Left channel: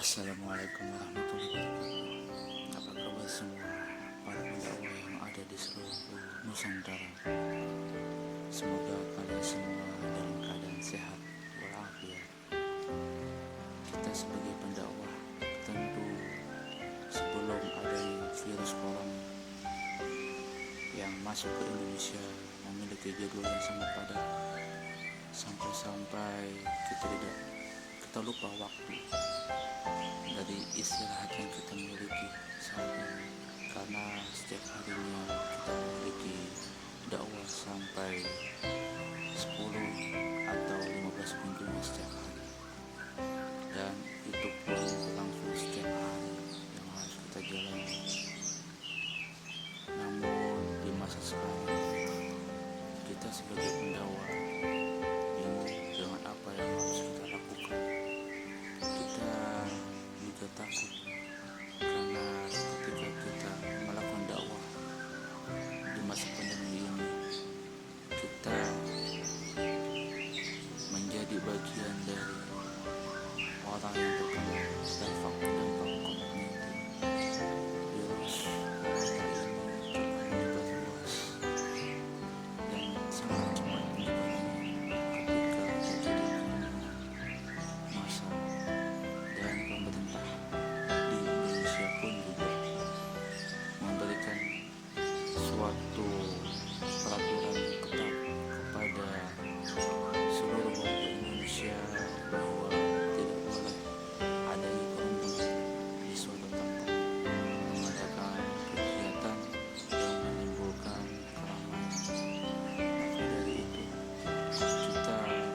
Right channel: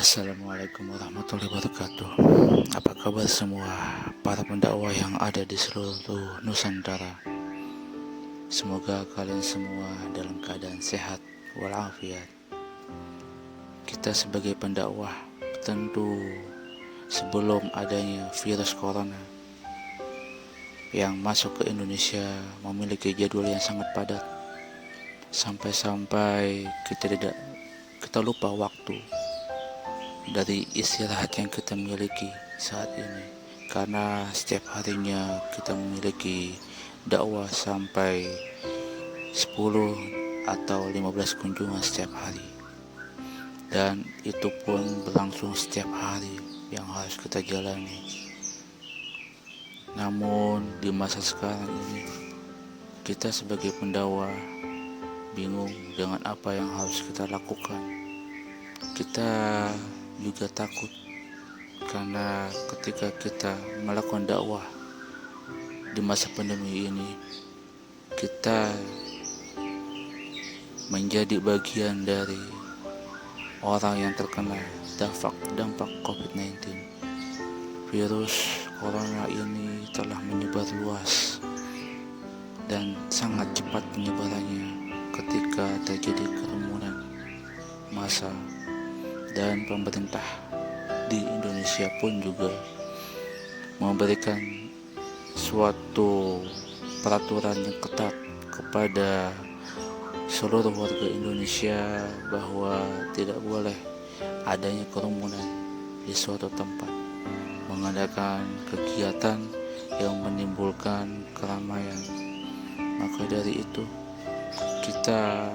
Assalamualaikum warahmatullahi wabarakatuh. Apa kabar semua para pendakwah yang ada di seluruh Nusantara? Semoga kalian semua dalam keadaan sehat walafiat. Kita sebagai pendakwah tentu sebelum adanya virus corona yang masuk ke Indonesia memiliki jadwal yang sangat padat, sampai-sampai kita lupa waktu dari istirahat yang kita miliki saat ini, karena setiap harinya kita memiliki dakwah sampai 10 atau 15 kunjungan setiap hari, dan itu pun berlangsung setiap hari yang harus kita jalani. Namun di masa sekarang ini kita sebagai pendakwah bingung dengan apa yang harus kita lakukan. Kita juga takut karena ketika kita melakukan dakwah di masa pandemi ini, kita menjadi bagian dari orang yang terkena dampak COVID-19. Virus corona ini telah menyebar luas dan sangat cepat penyebarannya ketika terjadi kerumunan massa, dan pemerintah di Indonesia pun juga memberikan suatu peraturan yang ketat kepada seluruh warga Indonesia bahwa tidak boleh adanya kerumunan di suatu tempat, mengadakan kegiatan yang menimbulkan keramaian. Maka dari itu, kita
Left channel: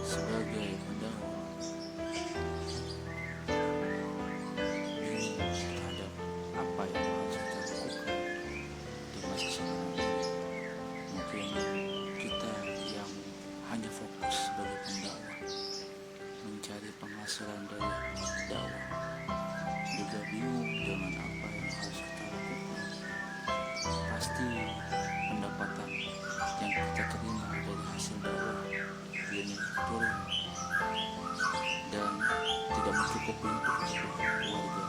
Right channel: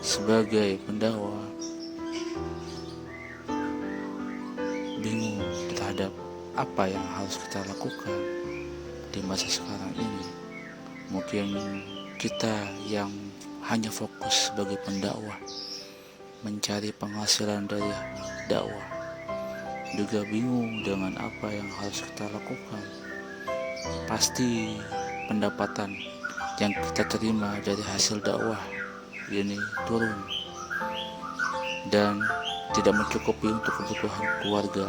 sebagai pendakwah bingung terhadap apa yang harus kita lakukan di masa sekarang ini. Mungkin kita yang hanya fokus sebagai pendakwah mencari penghasilan dari dakwah juga bingung dengan apa yang harus kita lakukan. Pasti pendapatan yang kita terima dari hasil dakwah ini turun dan tidak mencukupi untuk kebutuhan keluarga.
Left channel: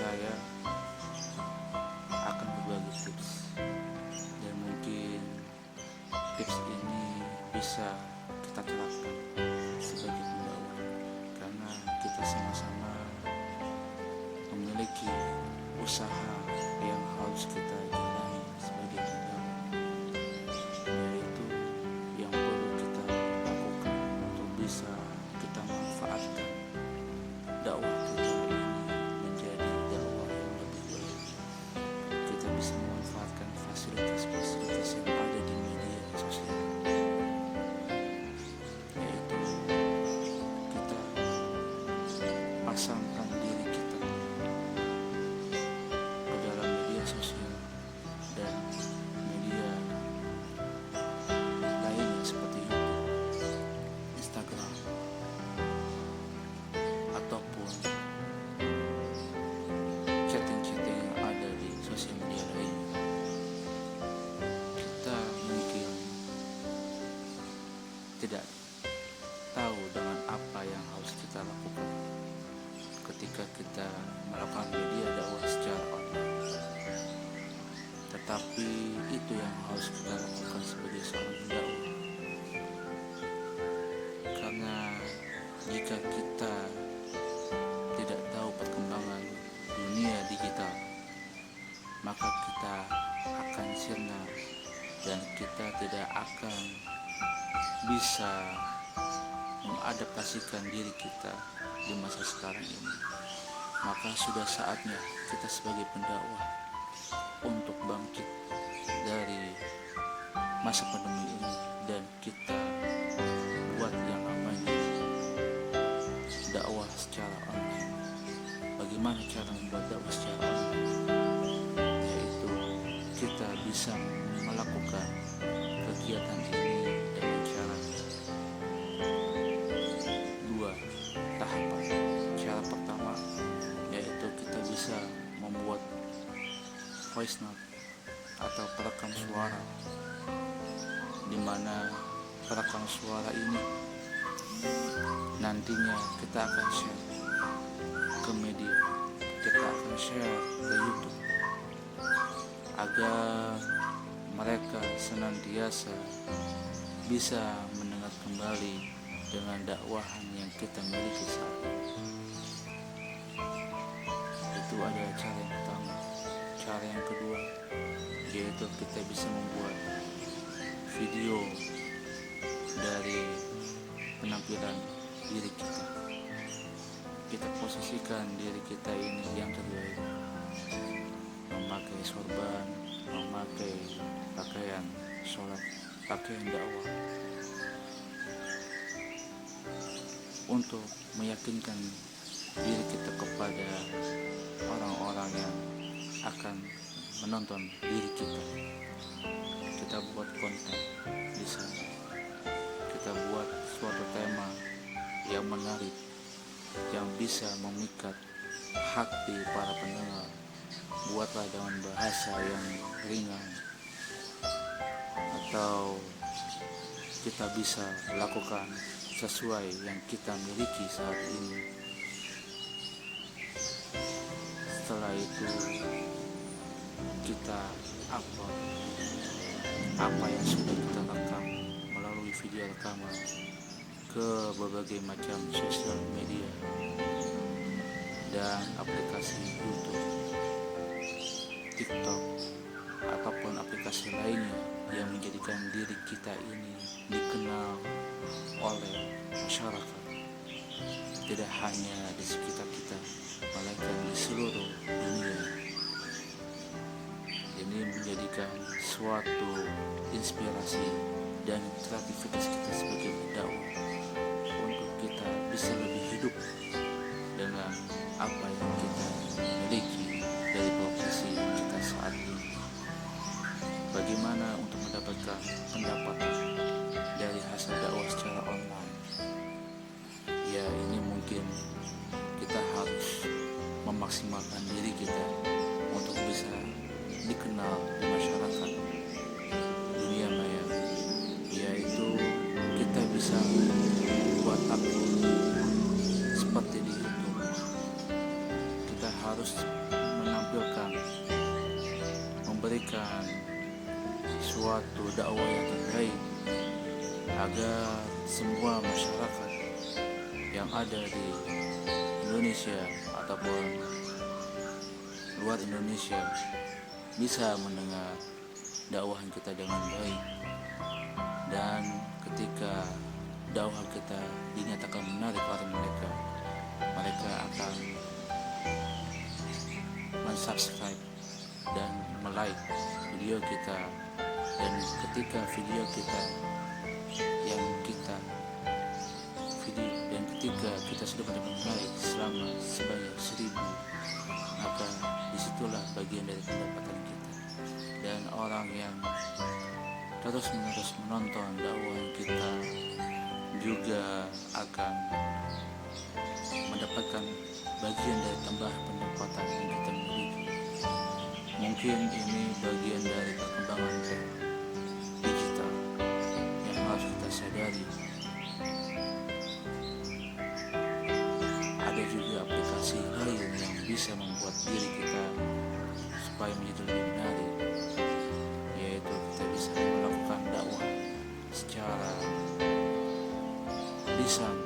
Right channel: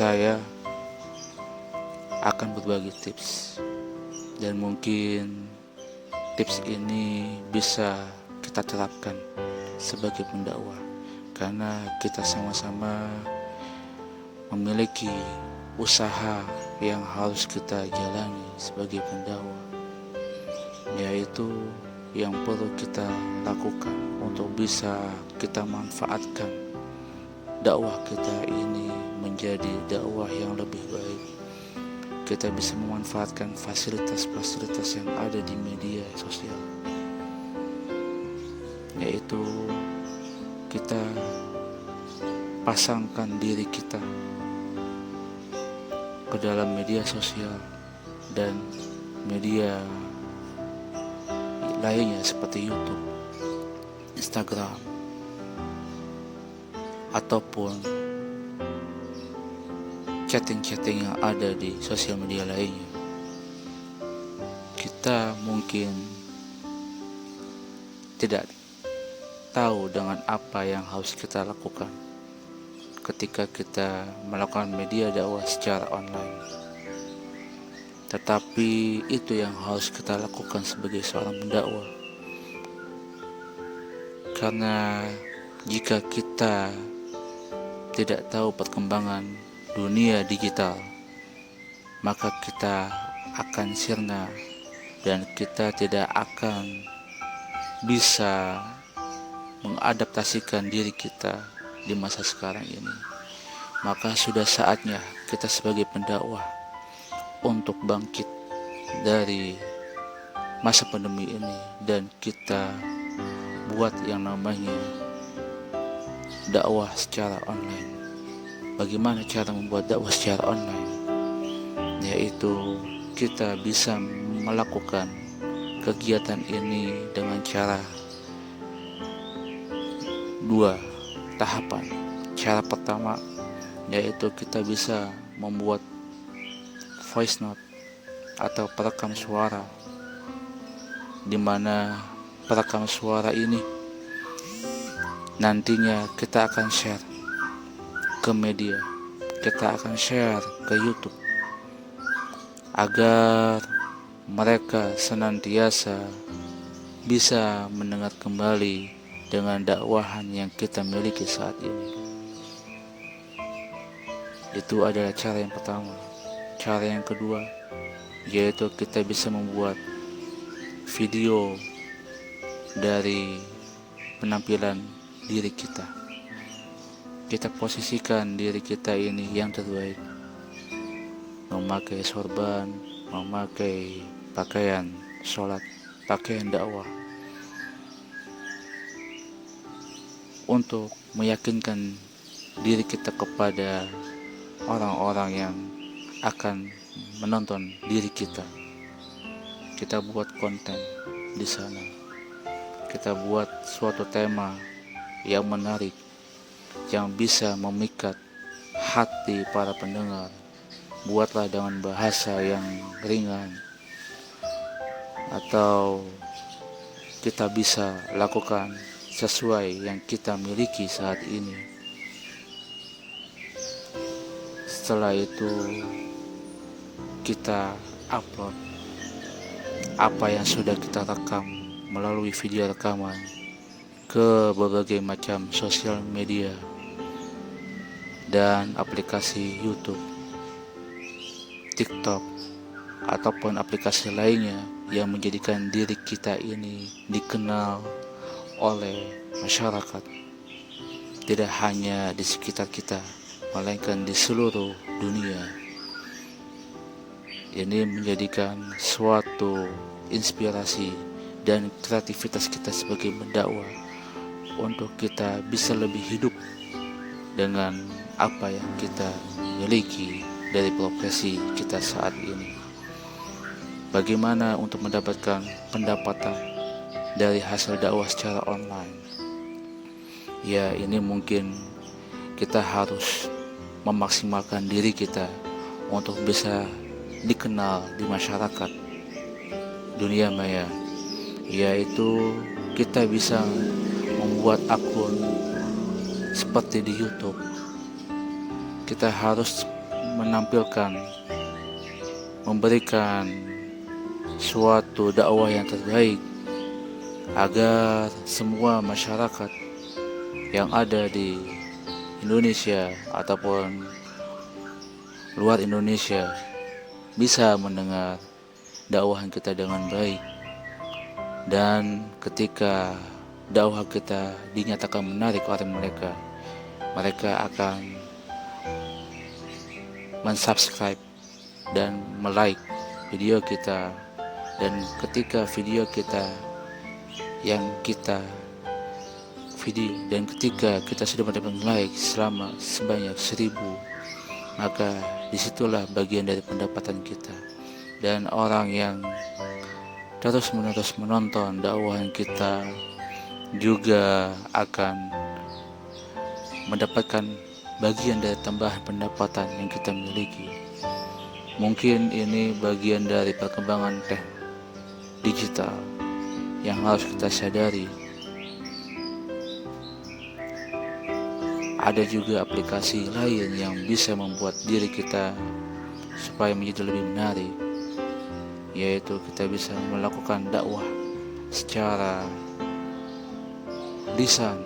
Saya akan berbagi tips, dan mungkin tips ini bisa kita terapkan sebagai pendakwah, karena kita sama-sama memiliki usaha yang harus kita jalani sebagai pendakwah, yaitu yang perlu kita lakukan untuk bisa kita manfaatkan dakwah kita ini menjadi dakwah yang lebih baik. Kita bisa memanfaatkan fasilitas-fasilitas yang ada di media sosial, yaitu kita pasangkan diri kita ke dalam media sosial dan media lainnya seperti YouTube, Instagram, ataupun chatting-chatting yang ada di sosial media lainnya. Kita mungkin tidak tahu dengan apa yang harus kita lakukan ketika kita melakukan media dakwah secara online. Tetapi itu yang harus kita lakukan sebagai seorang pendakwah. Karena jika kita tidak tahu perkembangan dunia digital, maka kita akan sirna dan kita tidak akan bisa mengadaptasikan diri kita di masa sekarang ini. Maka sudah saatnya kita sebagai pendakwah untuk bangkit dari masa pandemi ini, dan kita buat yang namanya dakwah secara online. Bagaimana cara membuat dakwah secara online? Yaitu kita bisa melakukan kegiatan ini dengan cara dua tahapan. Cara pertama yaitu kita bisa membuat voice note atau perekam suara, di mana perekam suara ini nantinya kita akan share ke media, kita akan share ke YouTube agar mereka senantiasa bisa mendengar kembali dengan dakwahan yang kita miliki saat ini. Itu adalah cara yang pertama. Cara yang kedua yaitu kita bisa membuat video dari penampilan diri kita. Kita posisikan diri kita ini yang terbaik, memakai sorban, memakai pakaian sholat, pakaian dakwah, untuk meyakinkan diri kita kepada orang-orang yang akan menonton diri kita. Kita buat konten di sana, kita buat suatu tema yang menarik, yang bisa memikat hati para pendengar. Buatlah dengan bahasa yang ringan, atau kita bisa lakukan sesuai yang kita miliki saat ini. Setelah itu kita upload apa yang sudah kita rekam melalui video rekaman ke berbagai macam sosial media dan aplikasi YouTube, TikTok, ataupun aplikasi lainnya yang menjadikan diri kita ini dikenal oleh masyarakat, tidak hanya di sekitar kita, melainkan di seluruh dunia. Ini menjadikan suatu inspirasi dan kreativitas kita sebagai pendakwah untuk kita bisa lebih hidup dengan apa yang kita miliki dari profesi kita saat ini. Bagaimana untuk mendapatkan pendapatan dari hasil dakwah secara online? Ya, ini mungkin kita harus memaksimalkan diri kita untuk bisa dikenal di masyarakat dunia maya, yaitu kita bisa membuat akun seperti di YouTube. Kita harus menampilkan, memberikan suatu dakwah yang terbaik agar semua masyarakat yang ada di Indonesia ataupun luar Indonesia bisa mendengar dakwahan kita dengan baik. Dan ketika dakwah kita dinyatakan menarik oleh mereka, mereka akan mensubscribe dan melike video kita. Dan ketika video kita yang kita video, dan ketika kita sudah mendapatkan like selama sebanyak 1000, maka disitulah bagian dari pendapatan kita. Dan orang yang terus-menerus menonton dakwahan kita juga akan mendapatkan bagian dari tambahan pendapatan yang kita miliki. Mungkin ini bagian dari perkembangan digital yang harus kita sadari. Ada juga aplikasi lain yang bisa membuat diri kita supaya menjadi lebih menarik, yaitu kita bisa melakukan dakwah secara lisan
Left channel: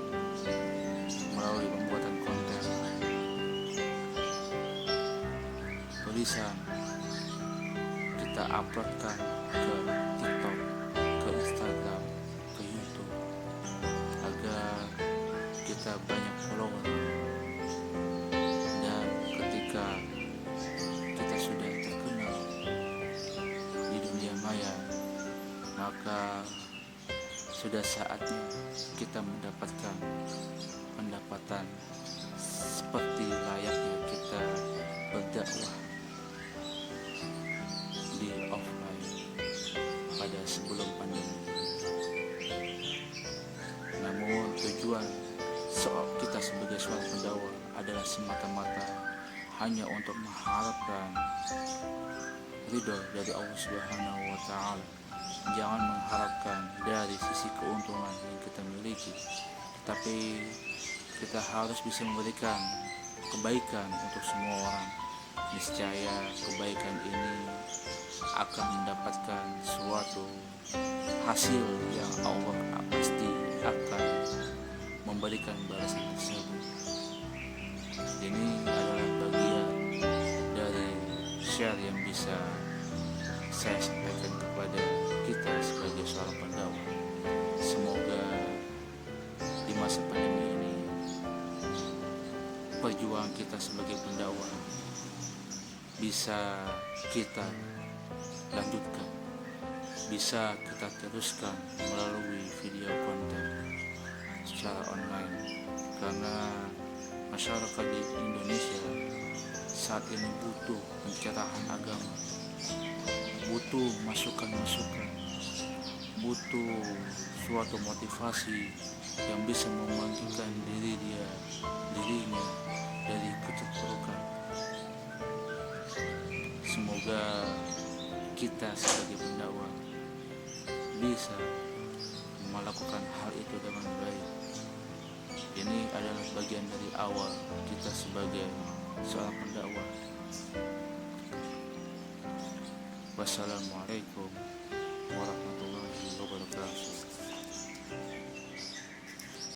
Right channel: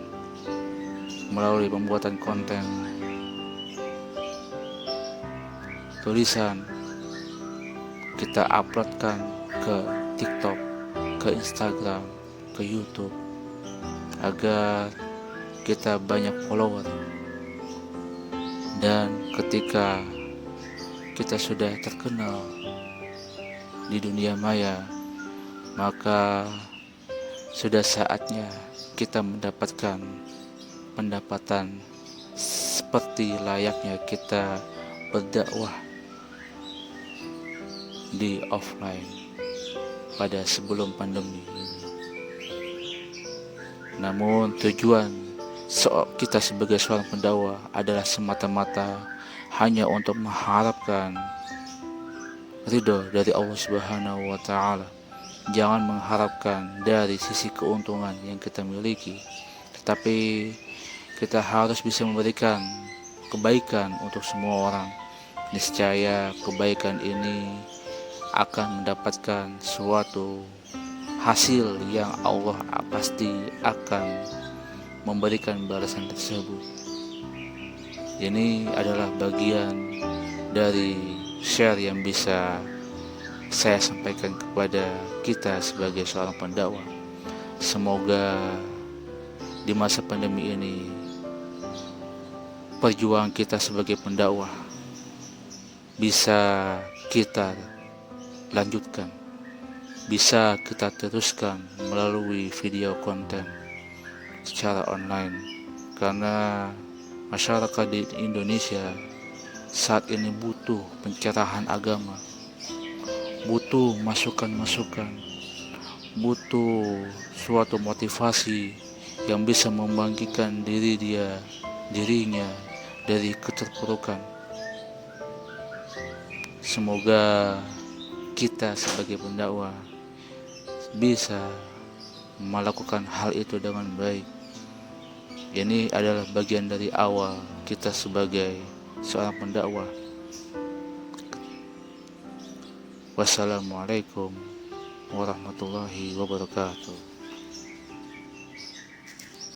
melalui pembuatan konten tulisan. Kita uploadkan ke TikTok, ke Instagram, ke YouTube, agar kita banyak follower. Dan ketika kita sudah terkenal di dunia maya, maka sudah saatnya kita mendapatkan pendapatan seperti layaknya kita berdakwah di offline pada sebelum pandemi. Namun tujuan kita sebagai seorang pendakwah adalah semata-mata hanya untuk mengharapkan ridho dari Allah Subhanahu wa Ta'ala, Jangan mengharapkan dari sisi keuntungan yang kita miliki, tetapi kita harus bisa memberikan kebaikan untuk semua orang. Niscaya kebaikan ini akan mendapatkan suatu hasil yang Allah pasti akan memberikan balasan tersebut. Ini adalah bagian dari share yang bisa saya sampaikan kepada kita sebagai seorang pendakwah. Semoga di masa pandemi ini perjuangan kita sebagai pendakwah bisa kita lanjutkan, bisa kita teruskan melalui video konten secara online, karena masyarakat di Indonesia saat ini butuh pencerahan agama, butuh masukan-masukan, butuh suatu motivasi yang bisa membangkitkan dirinya dari keterpurukan. Semoga kita sebagai pendakwah bisa melakukan hal itu dengan baik. Ini adalah bagian dari awal kita sebagai seorang pendakwah. Wassalamualaikum warahmatullahi wabarakatuh.